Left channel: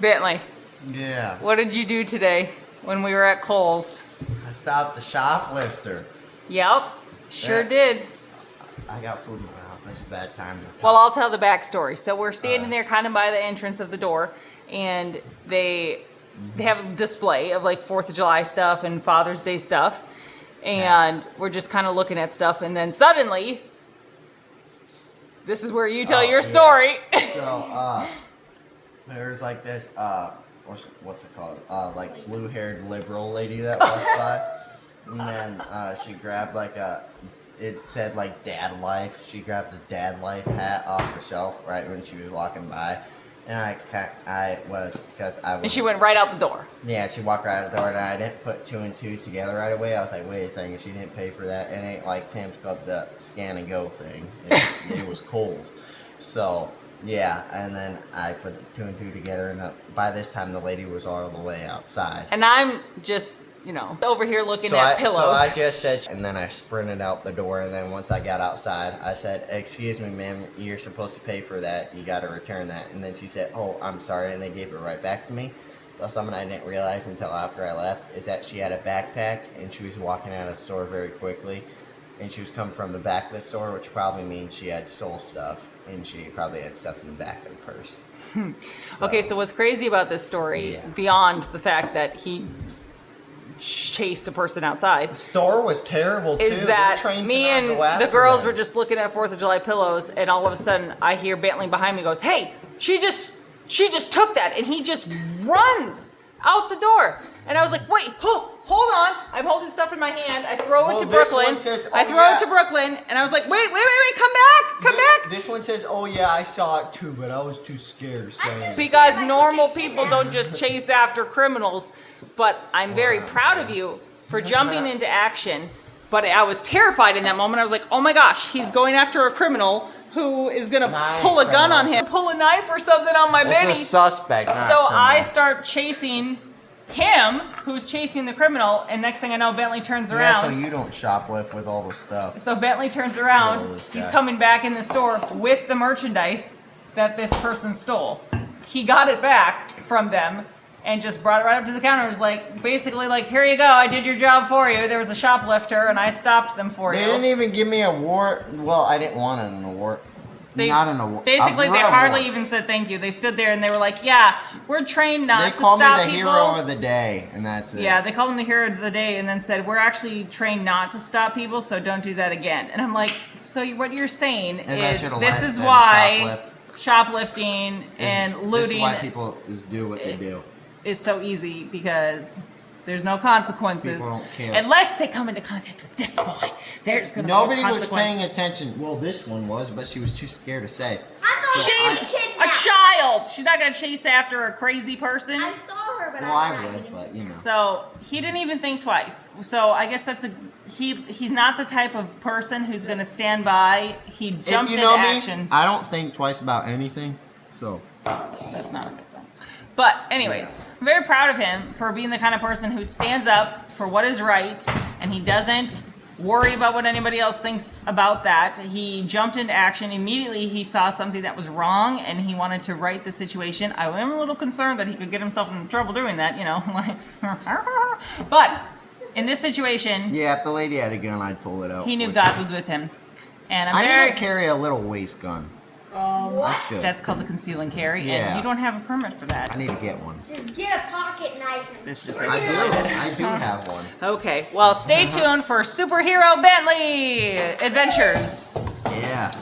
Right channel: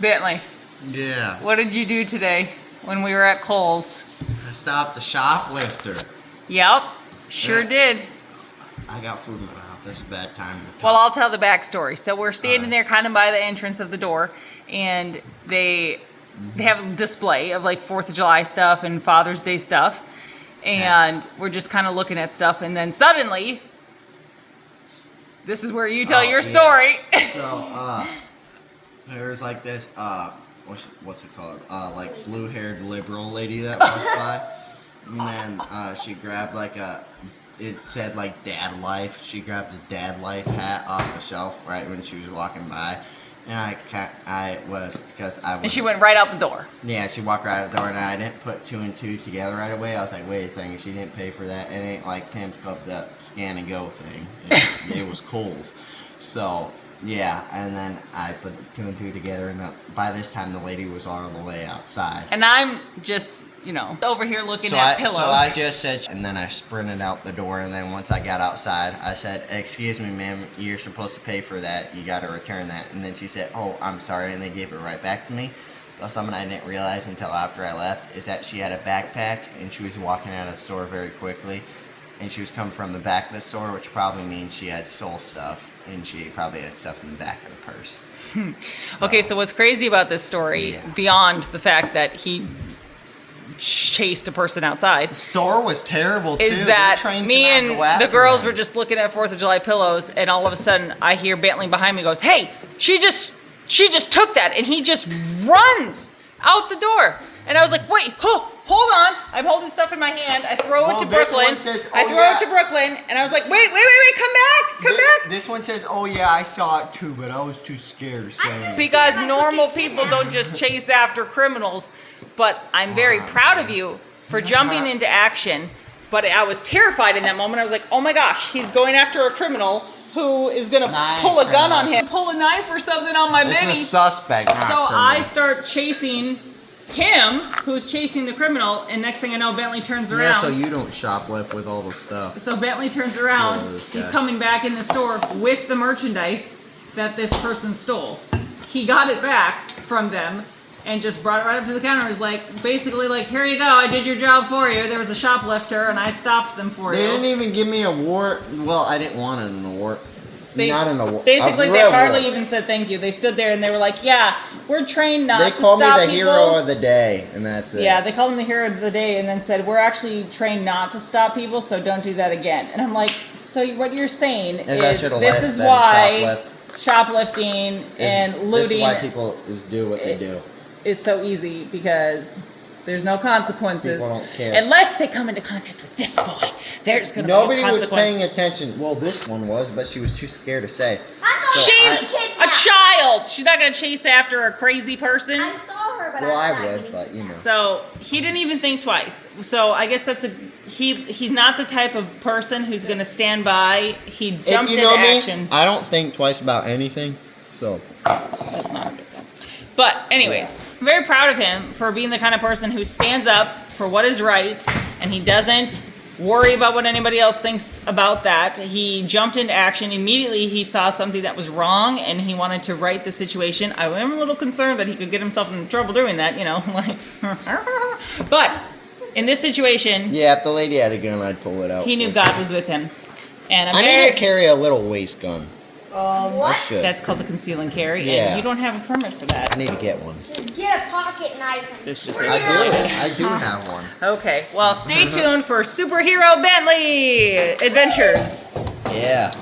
Bentley, Yeah. what did you do today when we were at Kohl's? I stopped the shoplifter. Yep, sure Yeah. did. I got food in my mouth. That's a bad time to talk. Well, I'll tell the backstory. So we're standing Alright. there kind of by the entrance of the door, and they have a display of like 4th of July stuff and Father's Day stuff. And Nice. we're just kind of looking at stuff, and then suddenly, this is where you tell Oh, your yeah. story. So, there's like this, what's it called? Like blue-haired liberal lady that walked by. And then, she grabbed like it said like Dad Life. She grabbed the Dad Life hat off the shelf right when she was walking by. And And she went right out the door. Yeah, she walked right out the door, and I didn't put 2 and 2 together right away. I was like, wait a second, she didn't pay for that. It ain't like Sam's Club, the scan and go thing. It was Kohl's. So, yeah, and then I put 2 and 2 together, and by this time the lady was all the way outside. And I'm just, over here looking at pillows. So I just said, and then I sprinted out the door, and then once I got outside, I said, excuse me, ma'am, you're supposed to pay for that. You got to return that. And then she said, oh, I'm sorry, and they gave it right back to me. But something I didn't realize until after I left is that she had a backpack, and she was walking out of the store very quickly, and she was coming from the back of the store, which probably means she had stole stuff, and she probably had stuff in the back of the purse. Okay, so what's crazy about this story, beyond the fact that he chased a person outside, The store was terrible, too. is They're that trained me to not and go after the girls them. were just looking at 4th of July pillows, and all of a sudden I hear Bentley behind me goes, hey, she just took that, and he just runs out the door. And I was like, wait, hold on. I'm holding stuff in my hand. I throw it to this Brooklyn. one says, I "Oh, throw yeah." it to Brooklyn, and I was like, wait, come back. This one says, oh yeah, I saw it too, but I was too scared to say it. Because normal people don't just chase after criminals, but I'm very proud of you for jumping into action. But I was terrified in that moment. I was like, oh my gosh, he's going after a criminal who is gonna pull a gun on him, pull a knife or something on my baby. It's a suspect. not So a criminal. I start chasing him, who's chasing the criminal, and next thing I know, Bentley turns around. Yeah, so you don't shoplift with all the stuff. So Bentley turns Oh, around. this He's guy. coming back in the store with the merchandise that this person stole. He got it back from them and just brought it right up to the counter. It was like, basically like, here you go, I did your job for you. There was a shoplifter and I stopped them for They you. didn't even give me a warrant. Well, I didn't want an award. Not an award. Basically, a they real hardly award. even said thank you. They stood there and they were like, yeah, we're trained not They to called me stop the people. hero of the day, and that's it. Yeah, they called him the hero of the day and then said, we're actually trained not to stop people, so don't do that again. And I'm like, so what you're saying Is I is should've this let is them why shoplift. shoplifting and looting This is why people do what they do. is so easy, because there's no consequences. People don't care. Unless they come into contact with this boy. There's going to be a Nobody was consequence. paying attention. Well, this one was, but she was too scared to say. I'm not She's kidnapped. a child. She's not going to chase after a crazy person. I saw her, but Well, I I was not would, even but you know. So he didn't even think twice. So I guess he's not the type of person who's going to stand by. He jumped If you know into me, action. I don't think twice about anything. So. That's not a good thing. But anyways, I'm very proud of him for being the kind of person who stands up for what is right, and he doesn't worry about what anybody else thinks about that. He jumped into action. Immediately he saw something that was wrong, and he wanted to right the situation. I am a little concerned that he could get himself in trouble doing that, like. But in this situation, Yeah, if the lady had a gun, I'd pull it out. he knew quick. God was with him. And I'm I very, need to carry a little waist gun. What? I should. that's called a conceal and carry, Yeah. and you don't have a permit for that. I need to get one. Just get a pocket knife. This just I do. I do have one. Okay, well, stay tuned for Superhero Bentley Adventures. Yeah.